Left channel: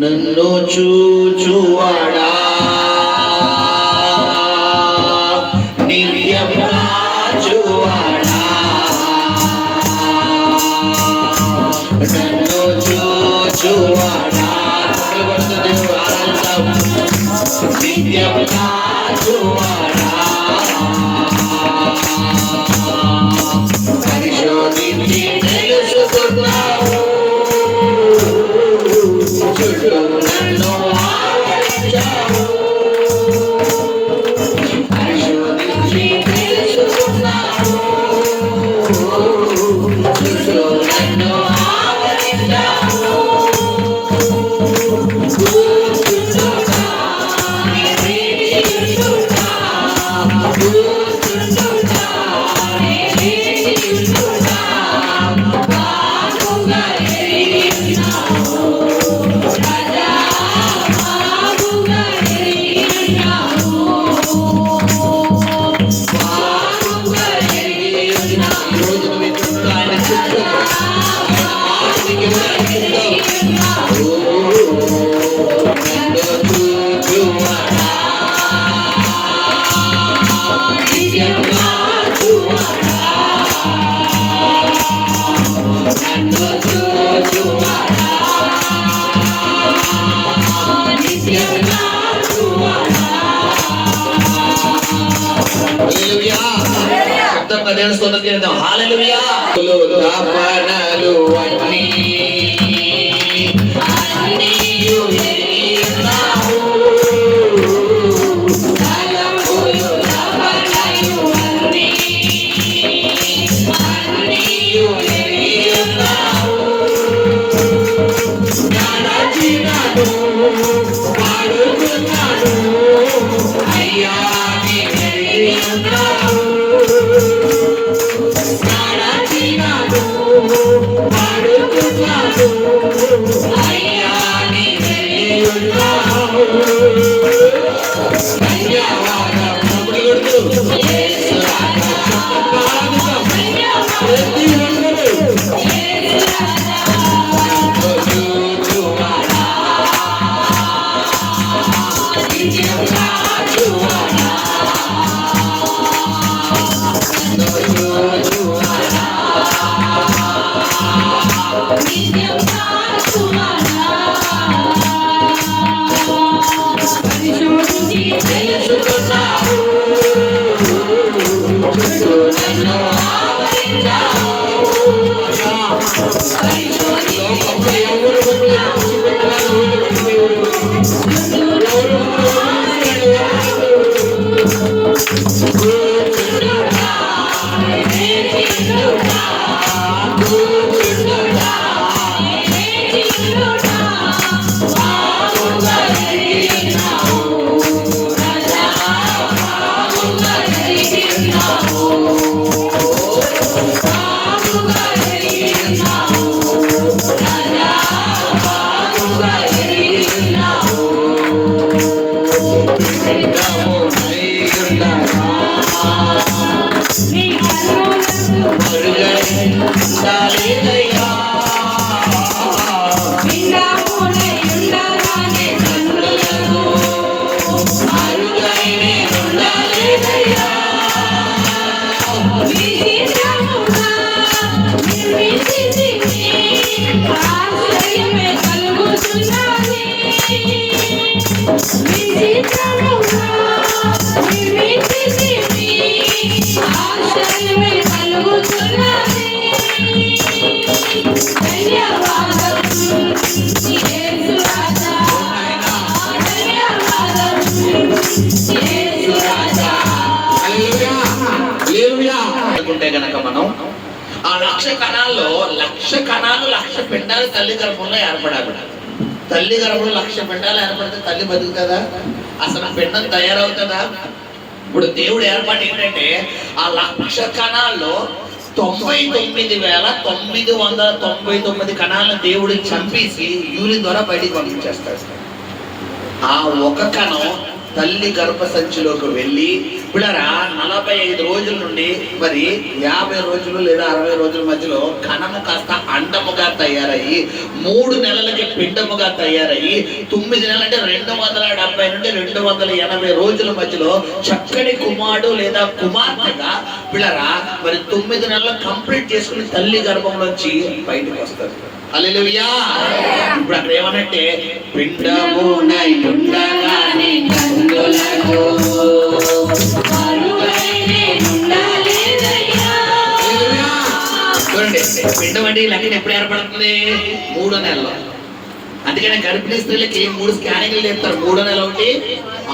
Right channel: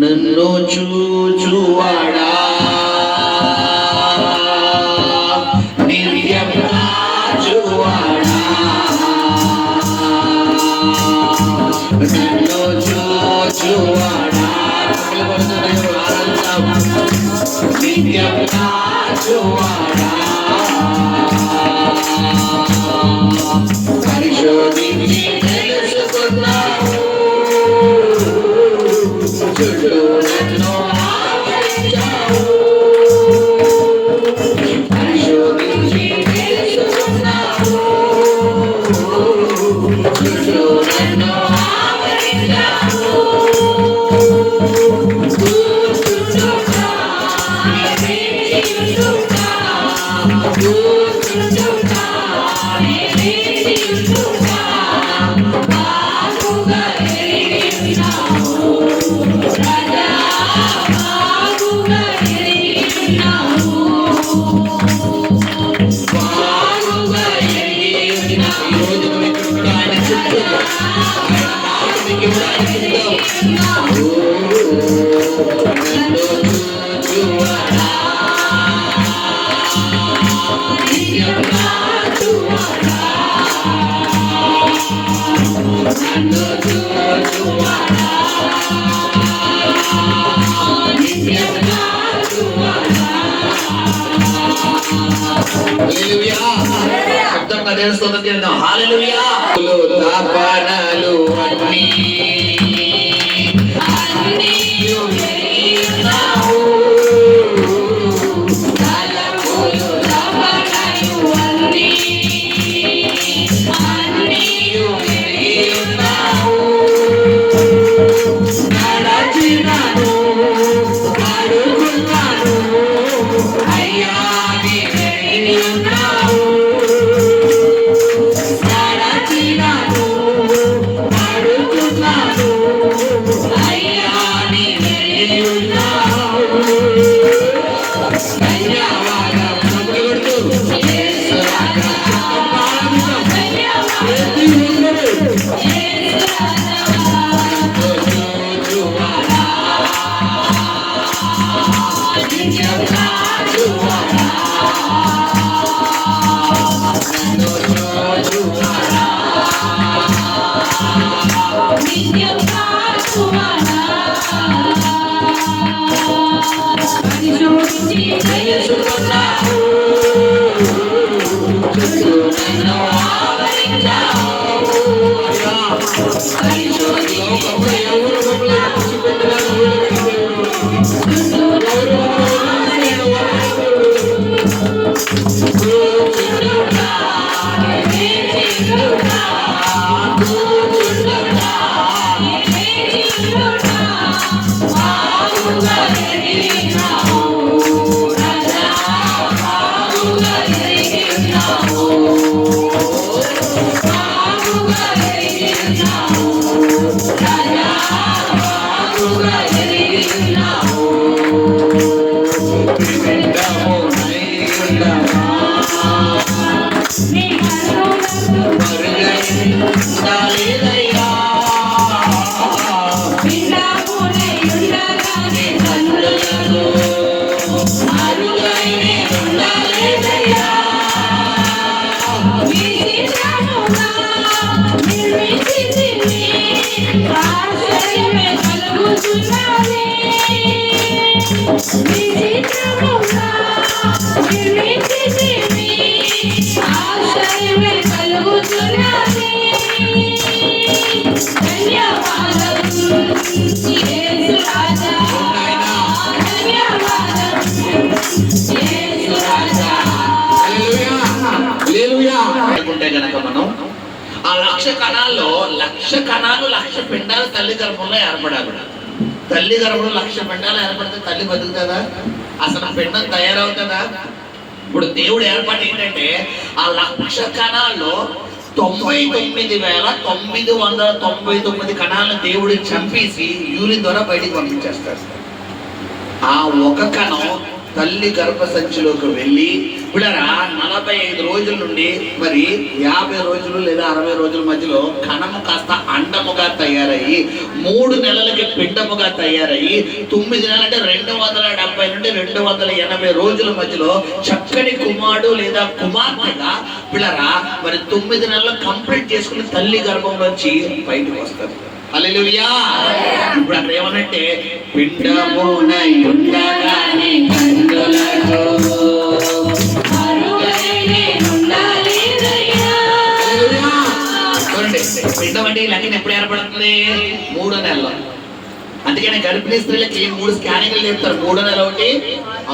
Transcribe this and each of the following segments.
నన్ను చూచువాడా నిత్యం కాచువాడా నన్ను చూచువాడా నిత్యం కాచువాడా పరిశోధించి తెలుసుకున్నావు నన్ను ఆదరించావు పరిశోధించి తెలుసుకున్నావు నన్ను ఆదరించావు హల్లెలూయా తపనలు అన్నీ లక్ష కణాలు లక్ష పిండాలు తల్లి గర్భంలో ఏర్పడాలి. తల్లి గర్భంలో లక్ష పిండాలు ఏర్పడితే తల్లి బతుకుతుందా? అసలు పిండం తయారవుతుందా? ఇప్పుడు దేవుడు ఏర్పాటు ఏంటంటే ఆ లక్ష కణాల్లో 99,999 కణాలను దేవుడికి చంపేసి యూరిన్ ద్వారా బయటికి పంపించేస్తారు. ఆ ఒక కణం తల్లి గర్భసంచిలోకి వెళ్ళి పిల్లరా 45 రోజుల నుండి మరి 50 రోజులు లేదా 60 రోజుల మధ్యలో కణము కాస్త అండముగా తయారయ్యి 3 నెలలకి పిండముగా తయారయ్యి 9 నెలలు అంటే 270 నుండి 280 రోజుల మధ్యలో చక్కని కుమారుడు లేదా కుమార్తెగా పిల్లరా మరి 9 నెలలు కంప్లీట్ చేసుకుని తల్లి గర్భంలోంచి బయటకు వస్తారు. హల్లెలూయా. ఇప్పుడు అక్కడ ఏమనంటే పిండమునై ఉండగానే కన్నులకు చూడండి, పిండం అంటే ఈ లెక్కన ఎప్పుడు ఏర్పడుతుంది? 3 నెలలు. అందుకని గర్భిణీ స్త్రీలకి 3 స్కానింగ్లు చెప్తారు. 3వ నెల ఒకటి,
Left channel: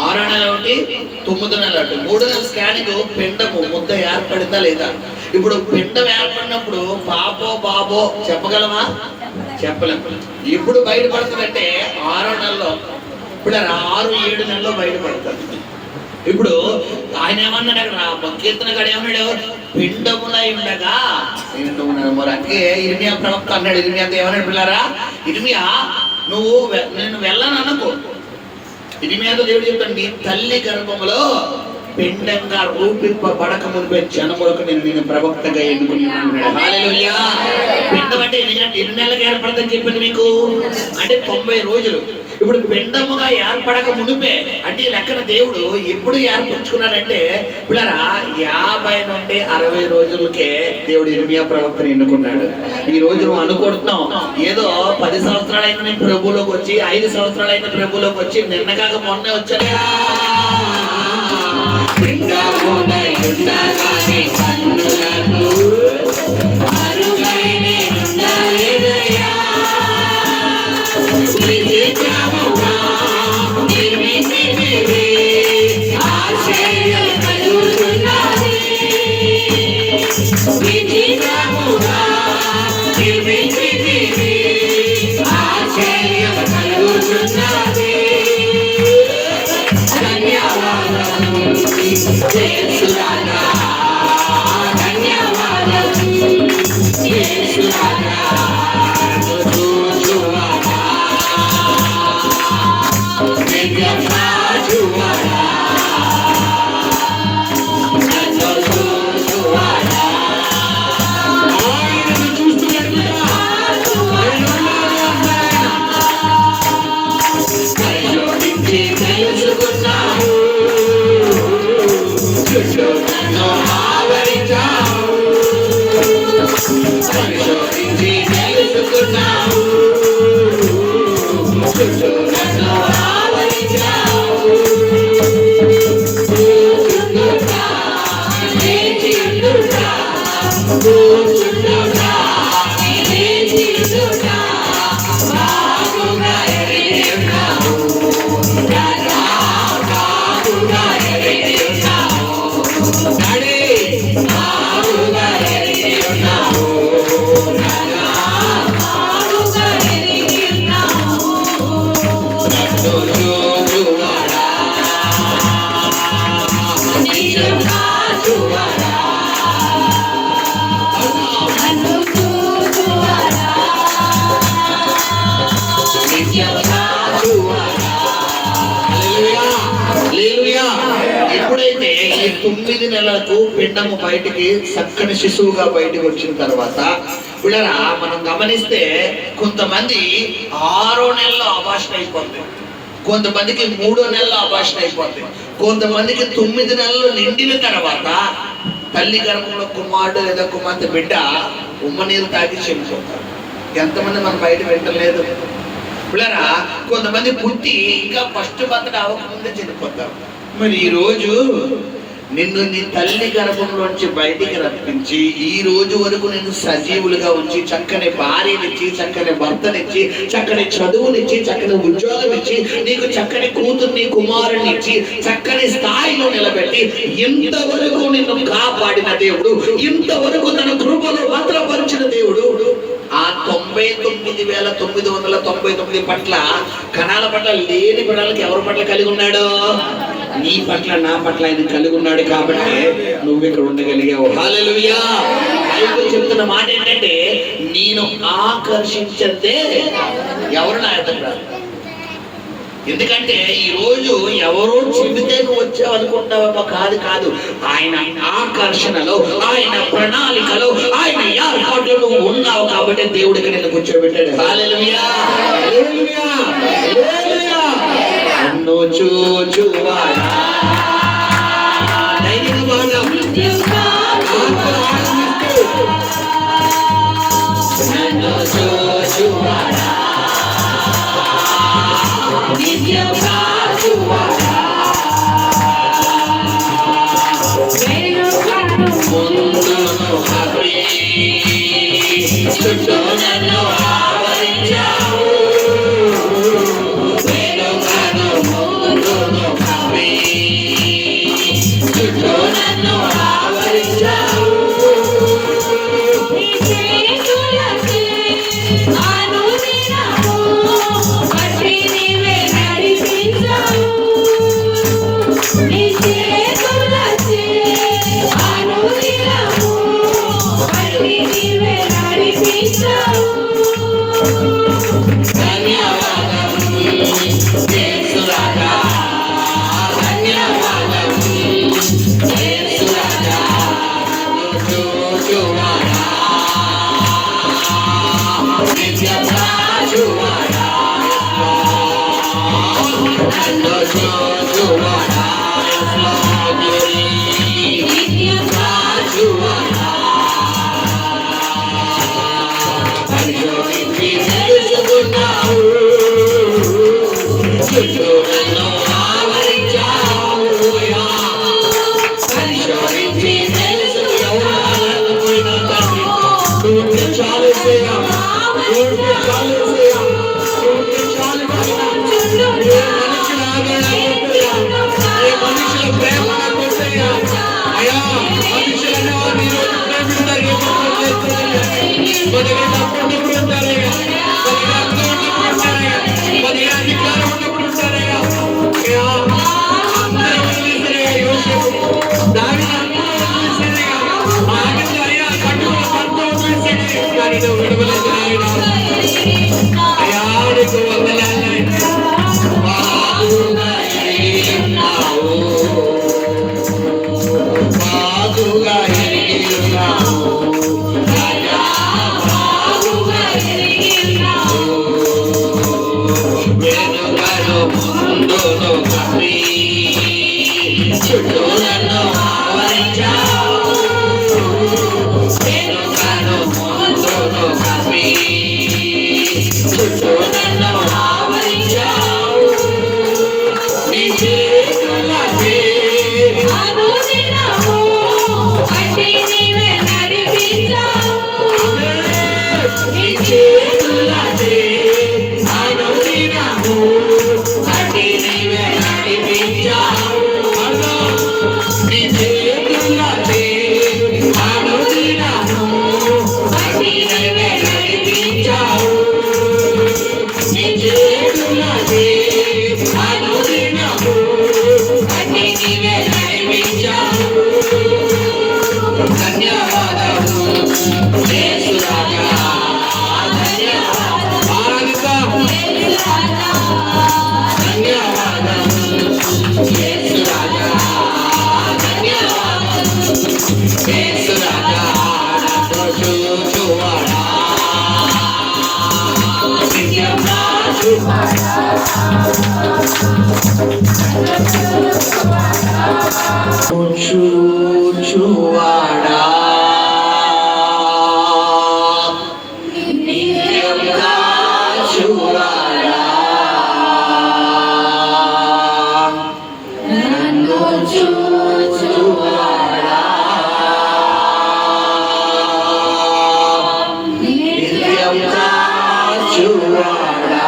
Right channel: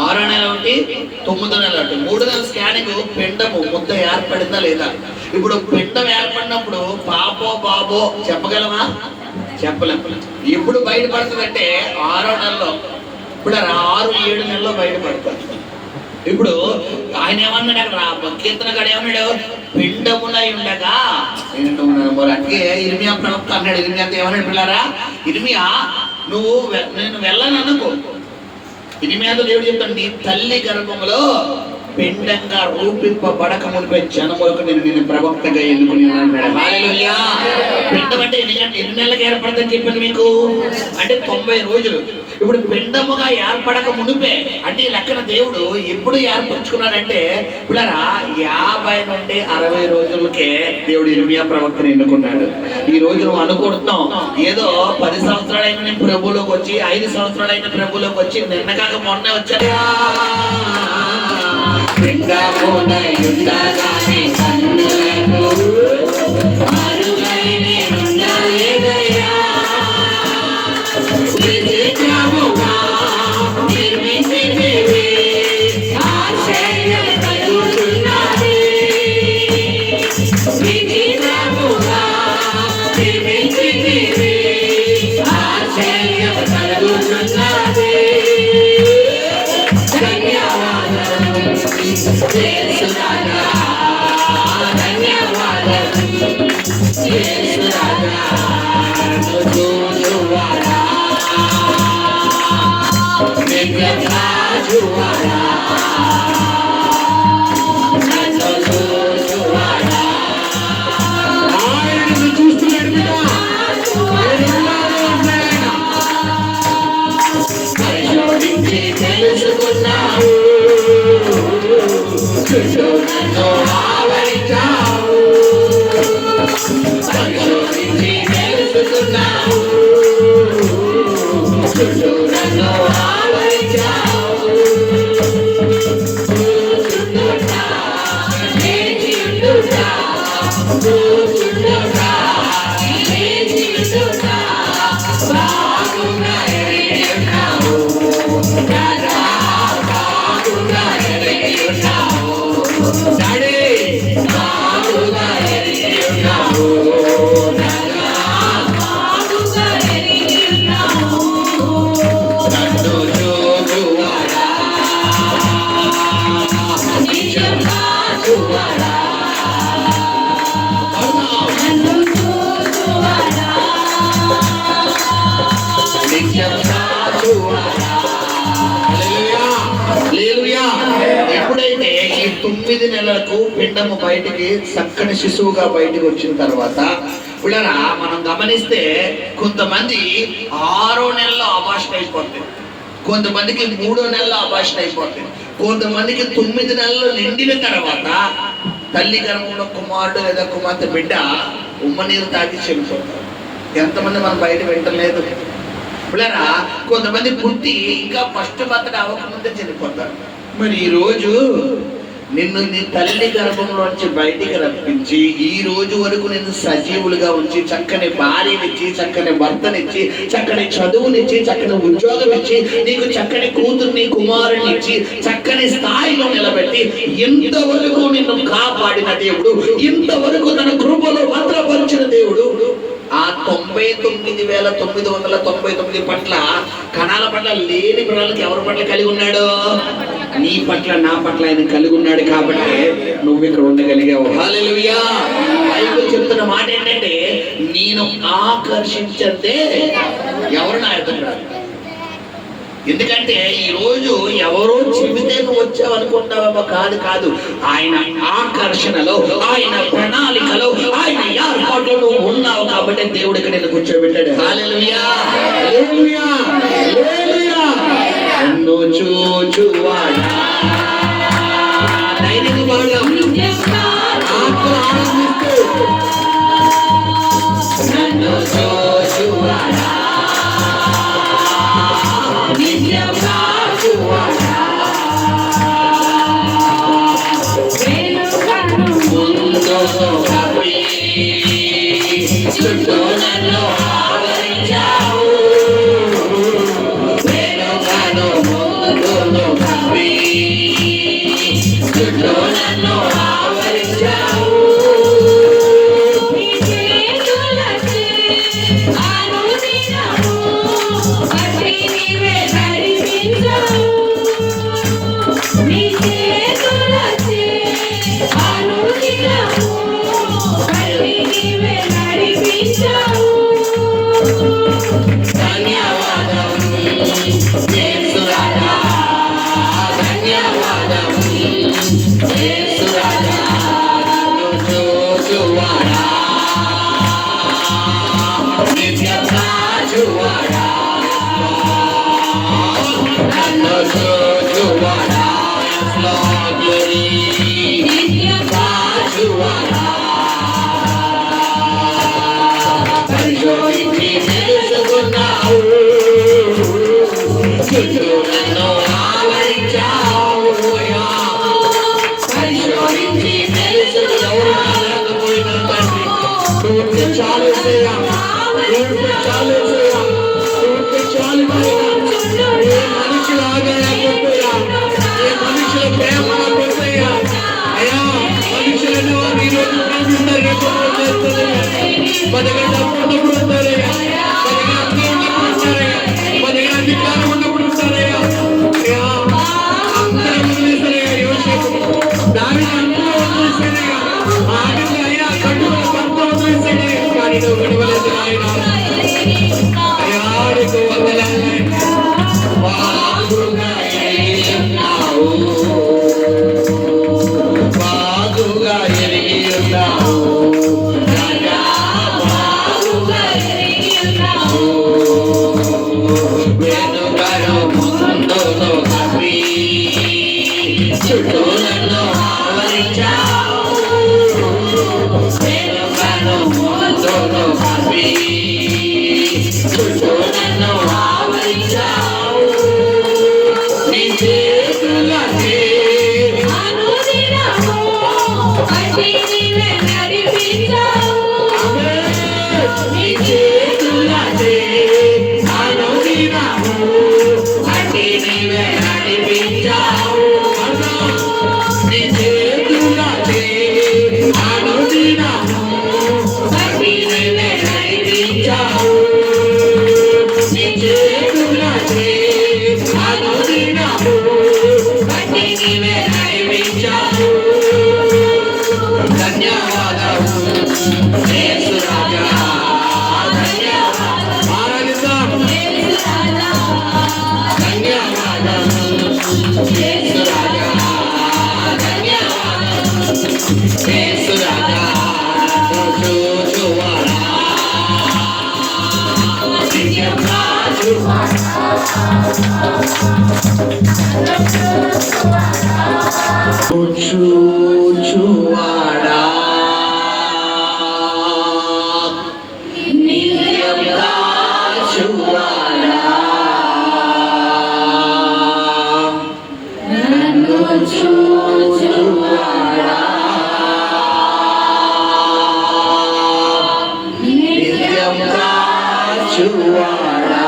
6వ నెల ఒకటి, 9వ నెల ఒకటి. 3 నెలల స్కానింగ్ పిండము ముద్ద ఏర్పడిందా లేదా. ఇప్పుడు పిండం ఏర్పడినప్పుడు పాపో బాబో చెప్పగలమా? చెప్పలేము. ఎప్పుడు బయటపడుతుందంటే 6వ నెలలో. ఇప్పుడు 6-7 నెలల్లో బయటపడుతుంది. ఇప్పుడు ఆయన ఏమన్నాడు అక్కడ కీర్తన గడ ఏమన్నాడు? పిండమునై ఉండగా మరి అందుకే ఇర్మియా ప్రవక్త అన్నాడు. ఇర్మియాతో ఏమన్నాడు పిల్లారా? ఇర్మియా నువ్వు నేను వెళ్ళననుకో. ఇర్మియాతో దేవుడు చెప్తాడు, నీ తల్లి గర్భములో పిండంగా రూపింపబడక మునిపే జనములకు నేను ప్రవక్తగా ఎన్నుకుని ఉన్నాను. హల్లెలూయా. పిండం అంటే ఎన్ని నెలలకు ఏర్పడుతుందని చెప్పింది మీకు? అంటే 90 రోజులు. ఇప్పుడు పిండముగా ఏర్పడక మునిపే అంటే లెక్కన దేవుడు ఎప్పుడు ఏర్పరచుకున్నాడంటే పిల్లరా 50 నుండి 60 రోజులకే దేవుడు ఇర్మియా ప్రవక్తను ఎన్నుకున్నాడు. ఈ రోజు నువ్వు అనుకుంటున్నావు ఏదో 10 సంవత్సరాలైన నేను ప్రభువులోకి వచ్చి 5 సంవత్సరాలైన ప్రభువులోకి వచ్చి నిన్నగాక మొన్నే వచ్చాడా? పిండమునై ఉండగానే కన్నులకు మరుగైన ఉండలేదయ్యా. విచిత్రముగా నిర్మించితివి, ఆశ్చర్యం కలుగుతున్నది. విచిత్రముగా నిర్మించితివి, ఆశ్చర్యం కలుగుతున్నది. ధన్యవాదాలు యేసురాజా, ధన్యవాదాలు యేసురాజా. చూచువాడా నిత్యం కాచువాడా, నన్ను చూచువాడా. ఆయనను చూస్తున్నాడు కదా. పరిశోధించి తెలుసుకున్నావు, చుట్టూ నన్ను ఆవరించావు. పరిశోధించి తెలుసుకున్నావు, చుట్టూ నన్ను ఆవరించావు. కూర్చుండుట, లేచియుండుట, కూర్చుండుట, లేచియుండుట, బాగుగా ఎరిగి ఉన్నావు. బాగుగా ఎరిగి ఉన్నావు. డాడీ బాగుగా ఎరిగి ఉన్నావు. బాగుగా ఎరిగి ఉన్నావు. నన్ను చూచువాడా, నిజం కాచువాడా, నన్ను చూచువాడా, నిజం కాచువాడా. హల్లెలూయా, హల్లెలూయా. ఎప్పుడైతే ఈ 9 నెలలకు పిండము బయటికి చక్కని శిశువుగా బయటికి వచ్చిన తర్వాత పిల్లరా మనం గమనిస్తే కొంతమంది 6వ నెలలో అబార్షన్ అయిపోతుంది, కొంతమందికి 3వ నెలలో అబార్షన్ అయిపోతుంది, కొంతమందికి 9 నెలలు నిండిన తర్వాత తల్లి గర్భంలో కుమారుడు లేదా కుమార్తె బిడ్డ ఉమ్మ నీరు తాగి చనిపోతారు. ఎంతమంది మనం బయట వింటలేదు పిల్లరా. కొంతమంది పుట్టి ఇంకా ఫస్ట్ బర్త్డే అవ్వకముందే చనిపోతారు. మరి ఈ రోజు నిన్ను నీ తల్లి గర్భంలోంచి బయటికి రప్పించి ఈ రోజు వరకు నిన్ను సజీవులుగా ఉంచి చక్కని భార్యనిచ్చి చక్కని భర్తనిచ్చి చక్కని చదువునిచ్చి చక్కని ఉద్యోగం ఇచ్చి నీకు చక్కని కూతుర్ని కుమారుని ఇచ్చి చక్కని స్థాయిలో నిలబెట్టి ఇంతవరకు నిన్ను కాపాడిన దేవుడు, ఇంతవరకు తన కృపలో భద్రపరిచిన దేవుడు ఆ 99,999 పట్ల కణాల పట్ల లేని బిడ్డలకి ఎవరి పట్ల కలిగి ఉన్నాడు? నీ పట్ల నా పట్ల ఆయన కలిగి ఉన్నాడు కాబట్టి నువ్వు ఇక్కడ ఉండగలిగావు. హల్లెలూయా. బైబిల్ చెప్తున్న మాట ఏంటంటే నేను ఆకర్షించదే ఎవరు నా ఎదురు రారు. ఎందుకంటే ఈ రోజు ఎవరో చెబితే నువ్వు వచ్చావు అనుకుంటావేమో, కాదు కాదు, ఆయన ఆకర్షణలో, ఆయన ప్రణాళికలో, ఆయన ఏర్పాటులో నువ్వు ఉన్నావు కాబట్టి దేవుడికి నిన్ను కూర్చోబెట్టాడు. హల్లెలూయా, హల్లెలూయా, హల్లెలూయా. నన్ను చూచువాడా ధైర్యంగా పాడదాం. నన్ను చూచువాడా నిత్యం కాచువాడా ముందును కప్పి చుట్టూ నన్ను ఆవరించావు. వెనుకను ముందును కప్పి చుట్టూ నన్ను ఆవరించావు. చూచువాడా నిత్యం కాచువాడా నన్ను చూచువాడా నిత్యం కాచువాడా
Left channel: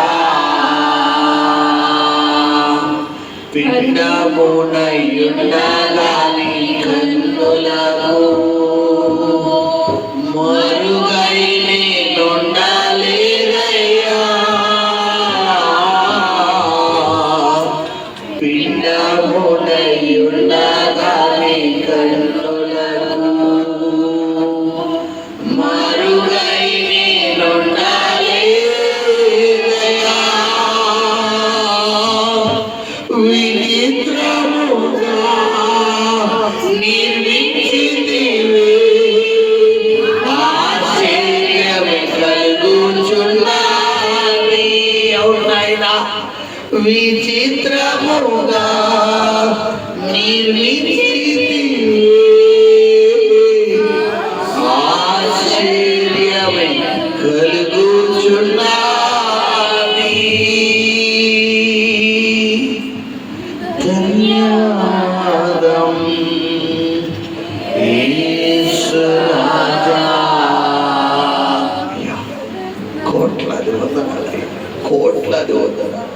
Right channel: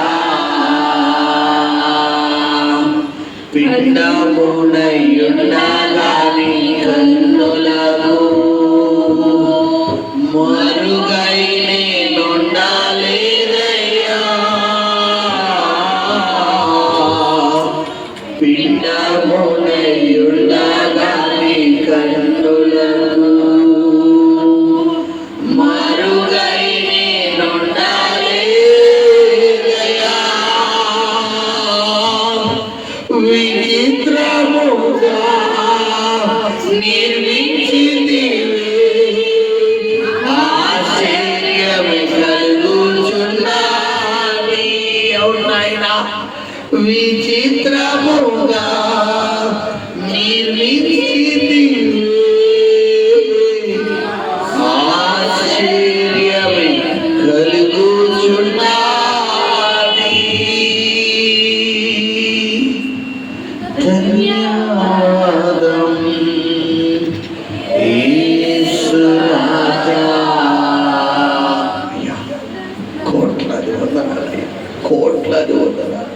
పిండమునయుండగాని కన్నులకు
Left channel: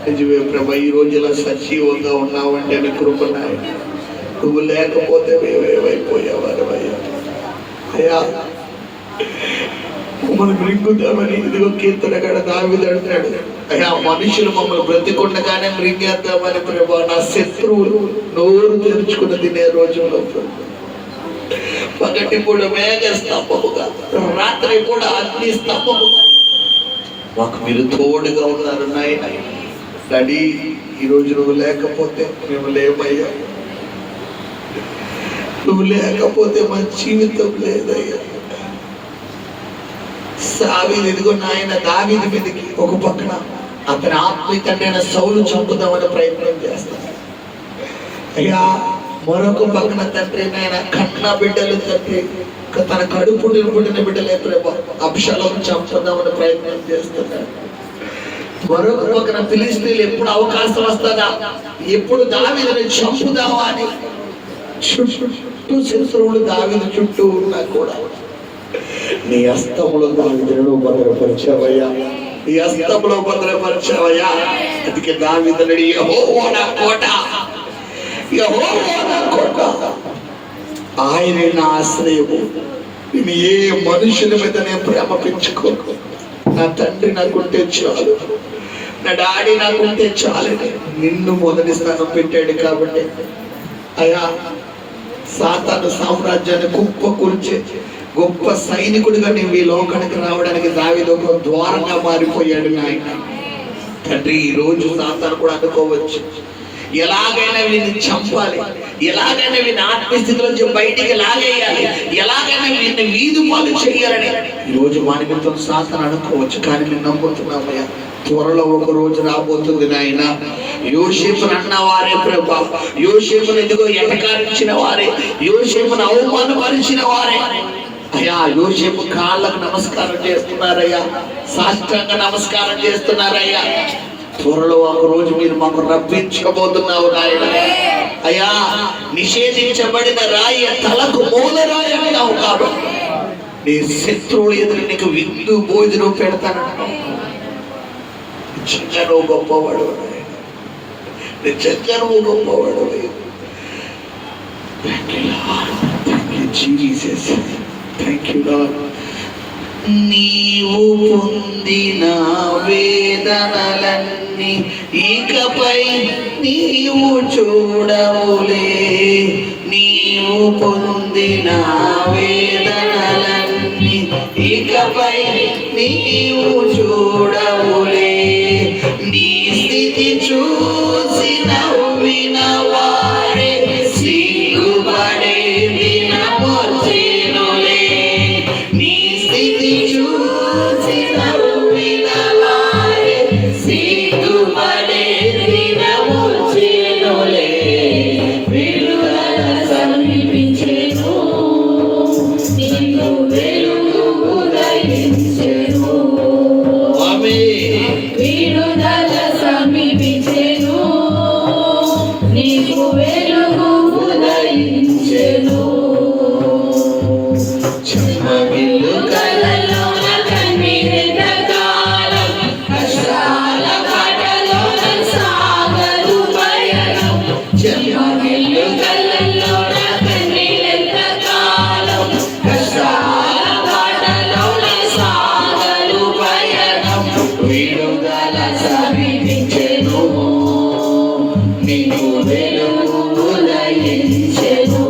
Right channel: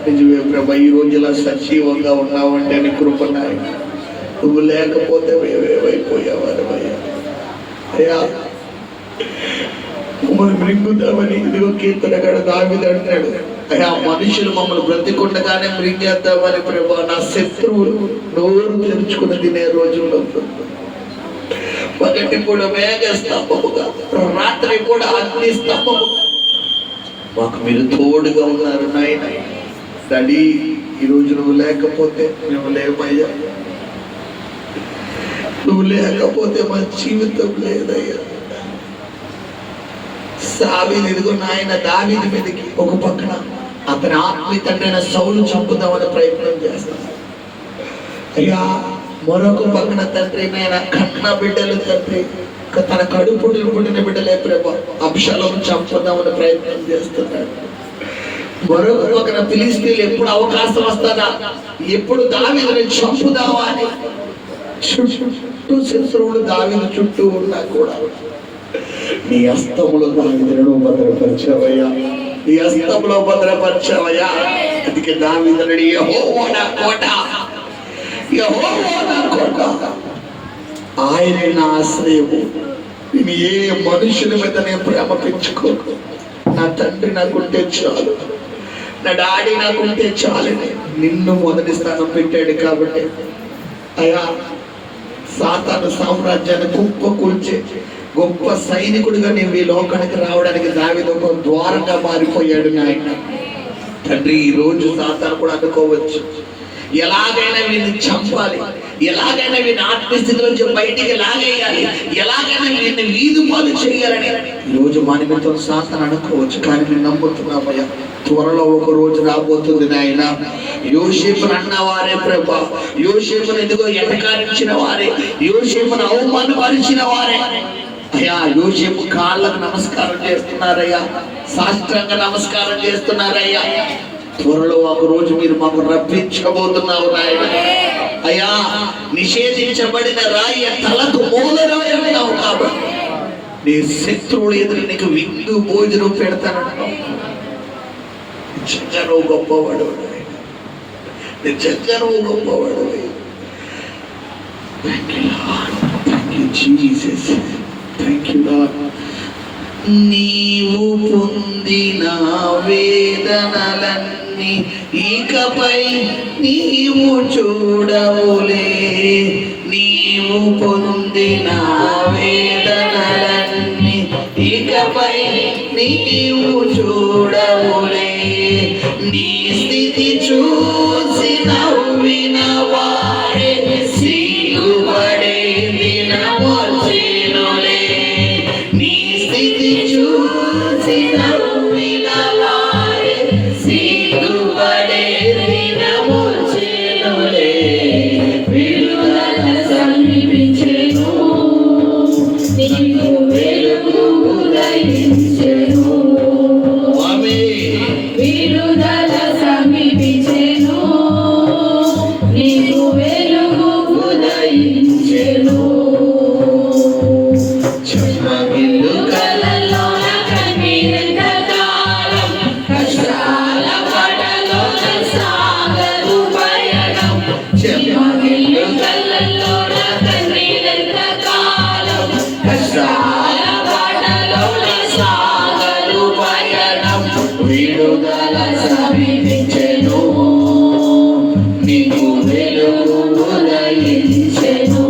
నిజమే ప్రభా, ఈ రోజు ఇలా సజీవంగా ఉన్నావంటే నీ కృప నాయన. నువ్వు లేకపోతే మేమేమైపోయావారు అయ్యా. అయ్యా మమ్మల్ని మృంగుతామని ఇదిగో కీర్తనగాడ దావీదు అంటాడు. అయ్యా మనుషులు మమ్మల్ని బ్రతికుండగానే మృంగేద్దామని ప్రభా, నా శత్రువులు నోరు తెరుచుకుని తినే రోజుల్లో పగటి కూడా మేఘ స్తంభముగా, రాత్రి కూడా అగ్ని స్తంభముగా మాకు మీరు తోడుగా ఉన్నారు నాయన. డాడీ, ఈరోజు నువ్వు లేకపోతే మేము లేమయ్యా. నువ్వు లేకపోతే మా జీవితం లేదయ్యా. సావీదు ఇదిగో నాయన దావీదు మీదకి ఒక పక్కన అతని ఆత్మీయ తండ్రి అయిన సౌలు చంపుదామని ప్రయత్నం చేస్తాడు అయ్యా. మరొక పక్కన తండ్రి నాయన కన్న బిడ్డలు తండ్రి తన పుట్టిన బిడ్డలే ప్రభా అబ్షాలోము చంపుదామని ప్రయత్నం చేస్తున్నాడు. మరొక పక్కన ఫిలిష్తీయులు ఎప్పుడు అవకాశం వస్తుందా, ఎప్పుడు దావీదుని చంపుదామా అని చుట్టూ శత్రువులు దావీదు చుట్టూ ఉన్నా కూడా నీ హస్తములో దావీదును భద్రపరిచావయ్యా. నీ హస్తములో భద్రపరిచావయ్యా. అందుకే దావీదుని యెహోవా నా కోట, యెహోవా నా కోట, ఆయన నా ఆశ్రయము. నేను ఏ మనుషుల మీద నేను ప్రేమ పెంచుకోను. నా తండ్రి నాకుంటే చాలు, నా డాడీ నాకుంటే చాలు. నిన్ను మొదటి స్థానం పెట్టాడు కాబట్టి అయ్యా, సాతాను సామ్రాజ్యాన్ని కుప్పకూల్చే గొప్ప సైనికుడిగా నేను ఈ లోకానికి రావడానికి దావీదు ఒక ద్వారంగా మారిపోయాడు నాయన. తండ్రి, ఈ రోజు సాతాను కూడా అనుకోవచ్చు, ఎలాగైనా వీరిని చంపాలి, ఎలాగైనా వీరిని ఆత్మస్థితిలోంచి బయటికి లాగేయాలి, ఎలాగైనా వీరిని వీధి పాలు చేయాలని ఈ రోజు మా నిమిత్తం సాతాను అనుకోవచ్చు. కానీ మేము నమ్ముతున్నామయ్యా, త్వరలో ఒక రోజు రాబోతుంది నాయన. యోసేపును అన్నవారే ప్రభా, యోసేపును ఎదుగో ఎటకారించిన వారే, యోసేపును అవమానపరిచిన వారే అయ్యా, యోసేపు కాళ్ళకు నమస్కారం చేస్తున్నారయ్యా, సాష్టాంగ నమస్కారం చేస్తున్నారయ్యా. త్వరలో ఒక రోజు మీరు మాకు రప్పించబోతున్నావు నాయన. అయ్యా, నిషేధించబడిన రాయి తలకు మూల రాయి అన్నావు కాబట్టి నీ శత్రువులు ఎదురు నీకు విందు భోజనం పెడతానంటావు. నిజంగా నువ్వు గొప్పవాడు, నిజంగా నువ్వు గొప్పవాడు. నీవు పొందిన వేదనలన్నీ ఇకపై నీవు చూడవులే. నీవు పొందిన వేదనలన్నీ ఇకపై నీవు చూడవులే. నీ స్థితి చూసి నవ్విన వారే సిగ్గుపడే దినమొచ్చెనులే. నీ స్థితి చూసి నవ్విన వారే సిగ్గుపడే దినమొచ్చెనులే. విడుదల సమీపించెను, నీకు వెలుగు ఉదయించెను. విడుదల సమీపించెను, నీకు వెలుగు ఉదయించెను. చెమ్మగిల్లు కలలోన కన్నీరెంత కాలం, కష్టాల పడలోన సాగరు పయనం. చెమ్మగిల్లు కలలోన కన్నీరెంత కాలం, కష్టాల పడలోన సాగరు పయనం. విడుదల సమీపించెను, నీకు వెలుగు ఉదయించెను.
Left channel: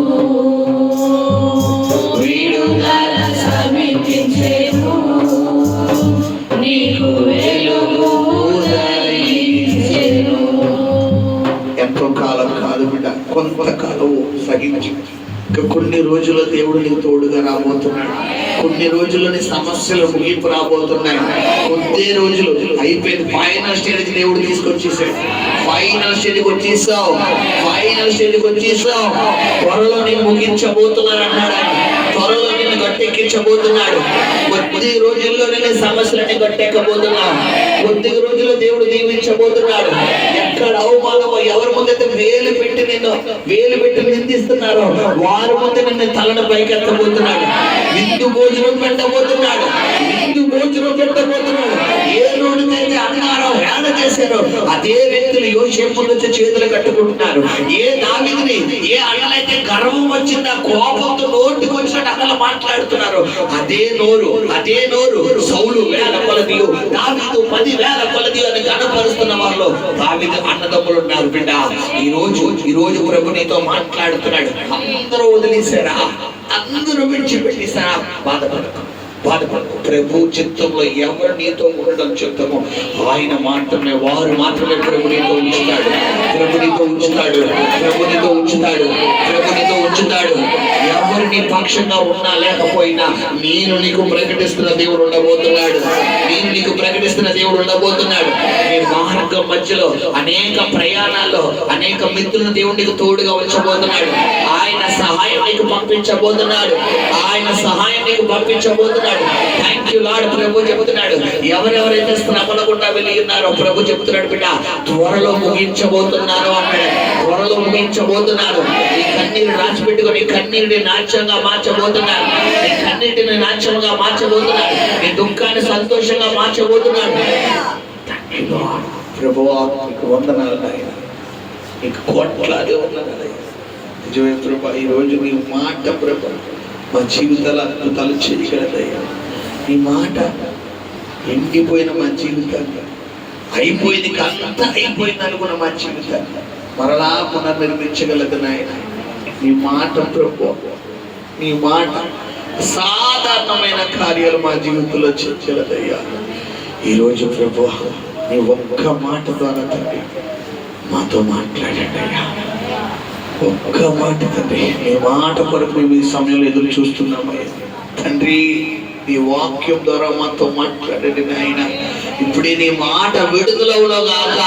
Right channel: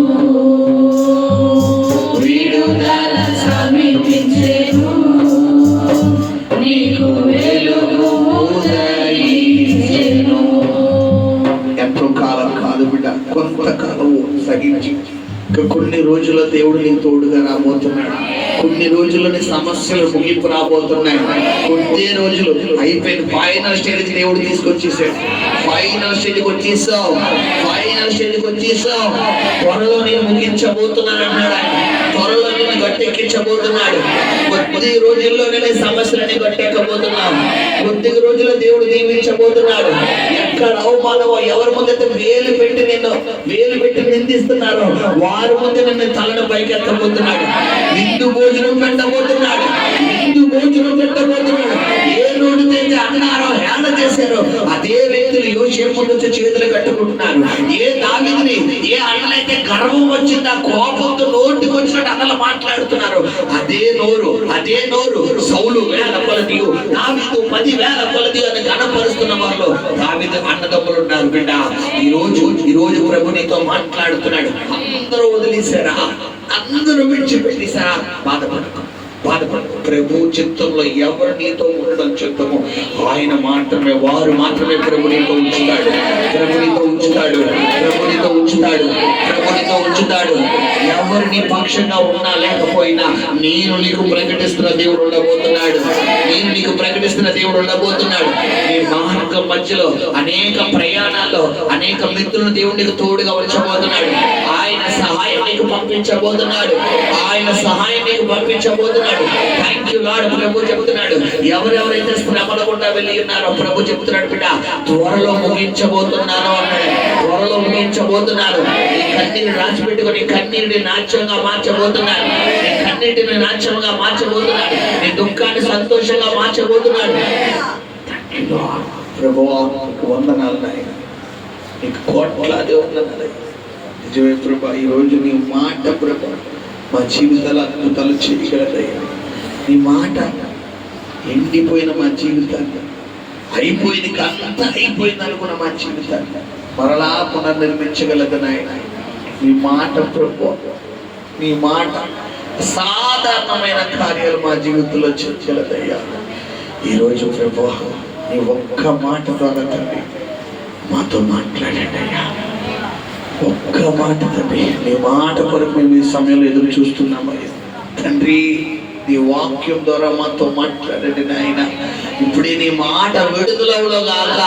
విడుదల సమీపించెను, నీకు వెలుగు ఉదయించెను. ఎంతో కాలం కాదు బిడ్డ, కొంతకాలం సహించి ఇంకా కొన్ని రోజుల దేవుడు నీకు తోడుగా రాబోతున్నాడు. కొన్ని రోజుల్లోని సమస్యలు ముగింపు రాబోతున్నాయి. కొద్ది రోజులు అయిపోయింది. ఫైనల్ స్టేజ్కి దేవుడు తీసుకొచ్చేసాడు. ఫైనల్ స్టేజ్కి వచ్చేసావు, ఫైనల్ స్టేజ్కి వచ్చేసావు. త్వరలో నేను ముగించబోతున్నాను అన్నాడు ఆయన. త్వరలో నేను గట్టెక్కించబోతున్నాడు. కొద్ది రోజుల్లో నేను సమస్యలని గట్టెక్కబోతున్నాను. కొద్ది రోజుల్లో దేవుడు దీవించబోతున్నాడు. ఎక్కడ అవమానమో, ఎవరి ముందైతే వేలు పెట్టి నిందిస్తున్నారో వారి ముందు నిన్ను తలను పైకెత్తబోతున్నాడు. విందు భోజనం పెట్టబోతున్నాడు. విందు భోజనం పెట్టబోతున్నాడు. ఏ రోజునైతే అన్నారో హేళన చేసి చేశారో అదే వ్యక్తులు యోసేపు నుంచి చేతులు కట్టుకుంటున్నారు. ఏ దావీదుని ఏ అన్నలైతే గర్వం వచ్చిందా, కోపంతో నోటికి వచ్చినట్టు అన్నలు మాట్లాడుతున్నారు, అదే నోరు సౌలు వేల కొలది, దావీదు 10,000 కొలది అని కనపరుస్తున్న వాళ్ళు దావీదు అన్నదమ్ములు ఉన్నారు. బిడ్డ, ఈ రోజు ప్రభు నీతో మాట్లాడుతున్నాడు. అందరూ వదిలేశారా, అందరూ విడిచిపెట్టేశారా, బాధపడకు. ప్రభు చిత్తంలో ఎవరు నీతో ఉండడం చిత్తమో ఆయన మాత్రమే, వారు మాత్రమే ప్రభు నీతో ఉంచుతాడు. ఎవరు నీ పక్షంగా ఉన్నా లేకపోయినా నేను నీకు ప్రకటిస్తున్న దేవుడు ఉండబోతున్నాడు. నీ మార్గం మధ్యలో అనేక ప్రయాణాల్లో అనేక మిత్రులను దేవుడు నీకు తోడుగా ఉంచబోతున్నాడు. ఆయన సహాయం నీకు పంపించబోతున్నాడు. Thank you lord. ప్రభు చెబుతున్నాడు, ఎవరెవరైతే శ్రమల గుండా వెళ్ళి ఉన్నారో ప్రభు చెబుతున్నాడు, బిడ్డ త్వరలో ముగించబోతున్నాను అన్నాడు. ఈ కన్నీరు రాసిపెట్టుకుని కన్నీరుని నాట్యంగా మార్చబోతున్నాడు. నీ దుఃఖాన్ని సంతోషంగా మార్చబోతున్నాడు. ప్రభువా నీకు వందనాలు నాయన, నీకు కోట్లాది వందనాలు. నిజమే ప్రభా, ఈ రోజు నీ మాట ప్రభా మా జీవితాలు అద్భుతాలు చేయగలదయ్యా. ఈ మాట ఎండిపోయిన మా జీవితాన్ని, అయిపోయింది అంతా అయిపోయింది అనుకున్న మా జీవితాన్ని మరలా పునర్నిర్మించగలదు నాయన. నీ మాట ప్రభు, నీ మాట సాధారణమైన కార్యాలు మా జీవితంలో చేయగలదయ్యా. ఈరోజు ప్రభు నీ ఒక్క మాట ద్వారా తండ్రి మాతో మాట్లాడండి అయ్యా. ఒక్క మాట తండ్రి, నీ మాట కొరకు మేము ఈ సమయంలో ఎదురు చూస్తున్నామయ్యా. తండ్రి నీ వాక్యం ద్వారా మాతో మాట్లాడండి నాయన. ఇప్పుడే నీ మాట విడుదలవులో గాక,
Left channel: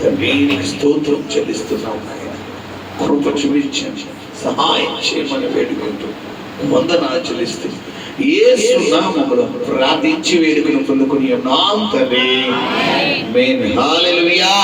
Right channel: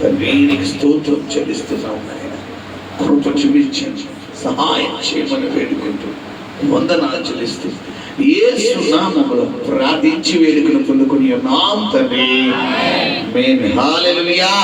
తండ్రి నీకు స్తోత్రం చెల్లిస్తున్నాం నాయన. కృప చూపించండి, సహాయం చేయమని వేడుకుంటూ వందనాలు చెల్లిస్తూ యేసు నామములో ప్రార్థించి వేడుకను పొందుకుని ఉన్నాం తండ్రి. ఆమేన్. హల్లెలూయా.